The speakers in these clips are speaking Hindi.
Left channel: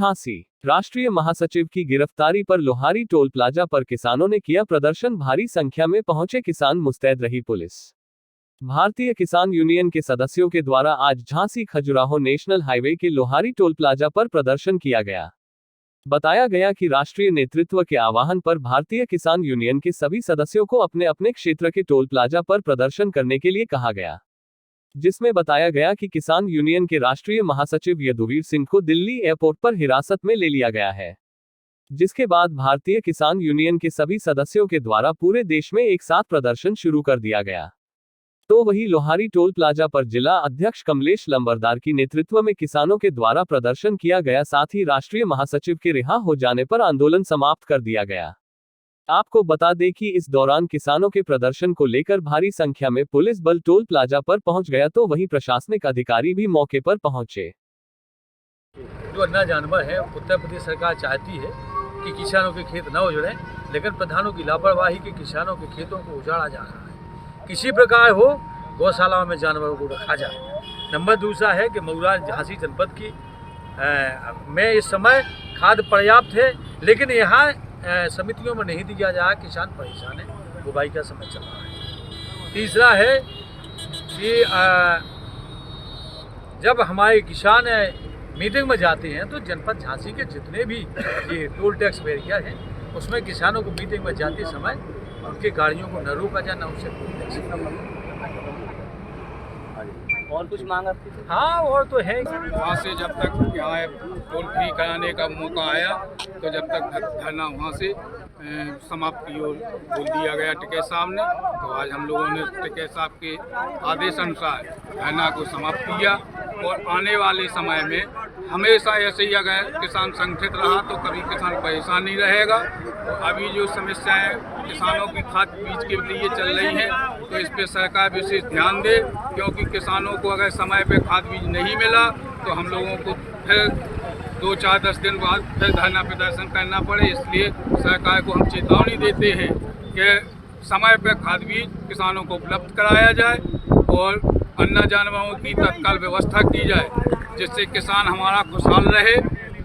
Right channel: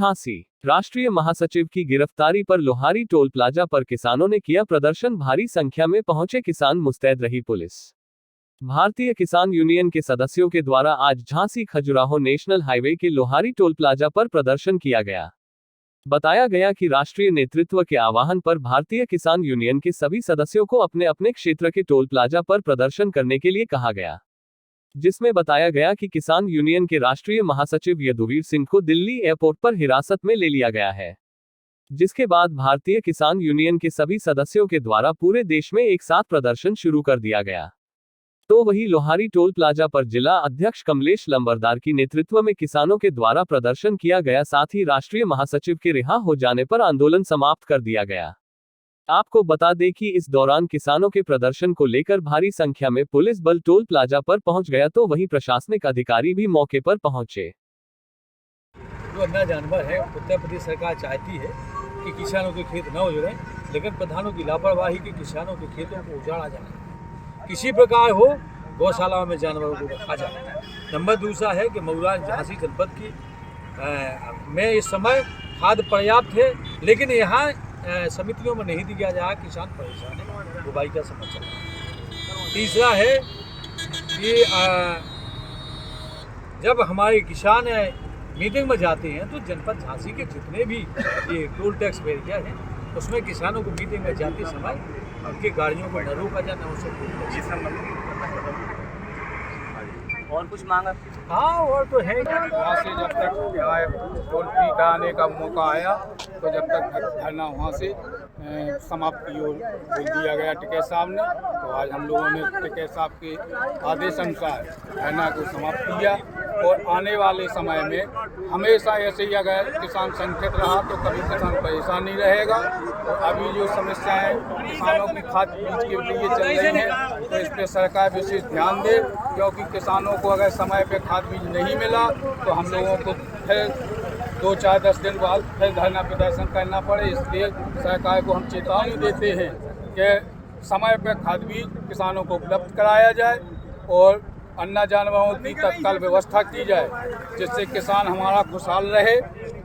झांसी राष्ट्रीय महासचिव की गिरफ्तारी पर लोहारी टोल प्लाजा पर किसानों ने किया प्रदर्शन। भारी संख्या में पहुंचे किसान, मुस्तैद रही पुलिस। भारतीय किसान यूनियन के सदस्यों के द्वारा आज झांसी खजुराहो नेशनल हाईवे के लोहारी टोल प्लाजा पर प्रदर्शन किया गया। बताया गया कि राष्ट्रीय नेतृत्व के आह्वान पर भारतीय किसान यूनियन के सभी सदस्यों को अपने अपने क्षेत्र के टोल प्लाजा पर प्रदर्शन करने के लिए कहा गया, जिसमें बताया गया कि किसान यूनियन के राष्ट्रीय महासचिव यदुवीर सिंह को दिल्ली एयरपोर्ट पर हिरासत में ले लिया गया है, जिसके बाद भारतीय किसान यूनियन के सभी सदस्यों के द्वारा पूरे देश में एक साथ प्रदर्शन शुरू कर दिया गया। तो वही लोहारी टोल प्लाजा पर जिला अध्यक्ष कमलेश लंबरदार की नेतृत्व में किसानों के द्वारा प्रदर्शन किया गया। साथ ही राष्ट्रीय महासचिव के रिहा हो जाने पर आंदोलन समाप्त कर दिया गया। आपको बता दें कि इस दौरान किसानों के प्रदर्शन को लेकर भारी संख्या में पुलिस बल टोल प्लाजा पर पहुंच गया, तो वहीं प्रशासनिक अधिकारी भी मौके पर पहुंचे। जो अन्ना जानवर है, उत्तर प्रदेश सरकार चाहती है कि किसानों के खेत न उजड़े, लेकिन प्रधानों की लापरवाही के किसानों के खेतों को उजाड़ा जा रहा है। किसी प्रकार हो गौशालाओं में जानवरों को रखा जाए। नंबर दूसरा है कि मऊरा झांसी जनपद की में इस समय खाद पर्याप्त है, लेकिन यहाँ समितियों में नहीं दिया जा रहा। किसान परेशान है, बुवाई का समय चल रहा है। तीसरा है कि जब हमारे किसान मीटिंग में जाते हैं तो जनपद झांसी के जितने भी ये टोल टैक्स एरिया है, उसमें किसानों को मीटिंग में जाते समय उनकी गाड़ियों को न रोका जाए, न उनसे और कुछ मांगा? हाँ, और तो है। वहाँ से जब तक यहाँ टोल फ्री कराने का मौका आया, तो जब तक धरना वहाँ से समाप्त की ओर बोल दिया गया टिकैत साहब ने। तो आज हम लोगों ने टिकैत साहब के आदेश अनुसार धरना को समाप्त किया, और आने वाले समय में हमेशा ऐसे ही अगर किसान संगठित रहा तो कभी किसान परेशान नहीं रहेगा। और अभी जो समस्याएं किसानों की खाद बीज के लिए चल रही हैं, तो इस पर सरकार विशेष ध्यान दे, क्योंकि किसानों को अगर समय पे खाद बीज नहीं मिला तो हम लोगों को फिर 2, 4, 10 दिन बाद फिर धरना प्रदर्शन करना पड़े। इसलिए सरकार को हम चेतावनी देते हैं कि समय पे खाद बीज किसानों को उपलब्ध कराया जाए और अन्ना जानवरों की तत्काल व्यवस्था की जाए, जिससे किसान हमारा खुशहाल रहे।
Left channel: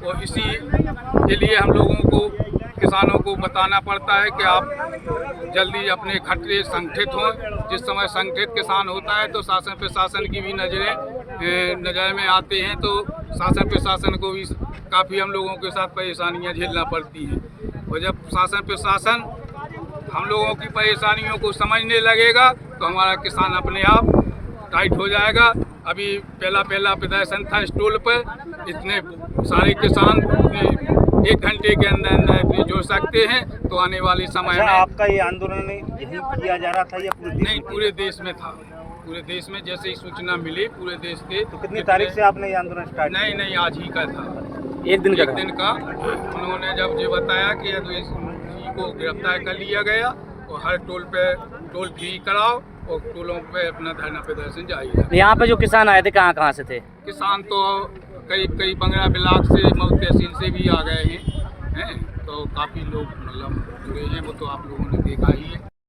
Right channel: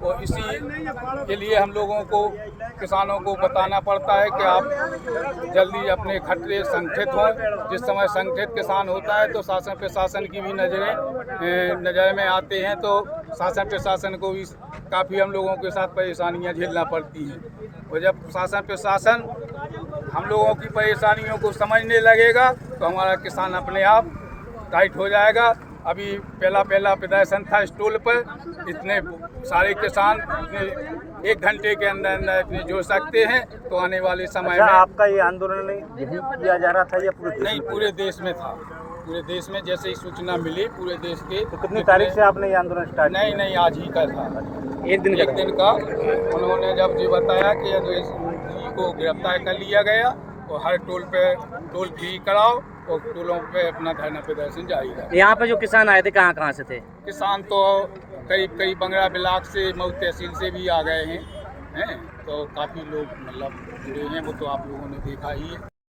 और इसी के लिए हम लोगों को किसानों को बताना पड़ता है कि आप जल्दी अपने खतरे संगठित हों। जिस समय संगठित किसान होता है तो शासन प्रशासन की भी नज़र में आते हैं, तो शासन प्रशासन को भी काफ़ी हम लोगों के साथ परेशानियां झेलना पड़ती हैं। और जब शासन प्रशासन हम लोगों की परेशानियों को समझने लगेगा तो हमारा किसान अपने आप टाइट हो जाएगा। अभी पहला प्रदर्शन था इस टोल पर, इतने सारे किसान 1 घंटे के अंदर इतने जुड़ सकते हैं, तो आने वाले समय में। आपका ये आंदोलन यही किया जा रहा था या पूरे देश नहीं, पूरे देश में था। पूरे देश में जैसे ही सूचना मिली पूरे देश के। तो कितनी तारीख से आपने ये आंदोलन स्टार्ट किया? नहीं, आज ही का था। एक दिन का उन्होंने जब ये बताया कि यदुवीर जी को गिरफ्तार कर लिया गया और हर टोल पे टोल फ्री कराओ और टोलों पे अपना धरना प्रदर्शन जारी रहे। यहाँ पे जो किसान आए थे कहाँ से थे? किसान तो करीब बंगरा ब्लॉक से, मऊ तहसील से भी आ गए हैं, तो काफ़ी लोग मतलब जुड़े हैं, वो तो आप लोगों ने देखा ही है।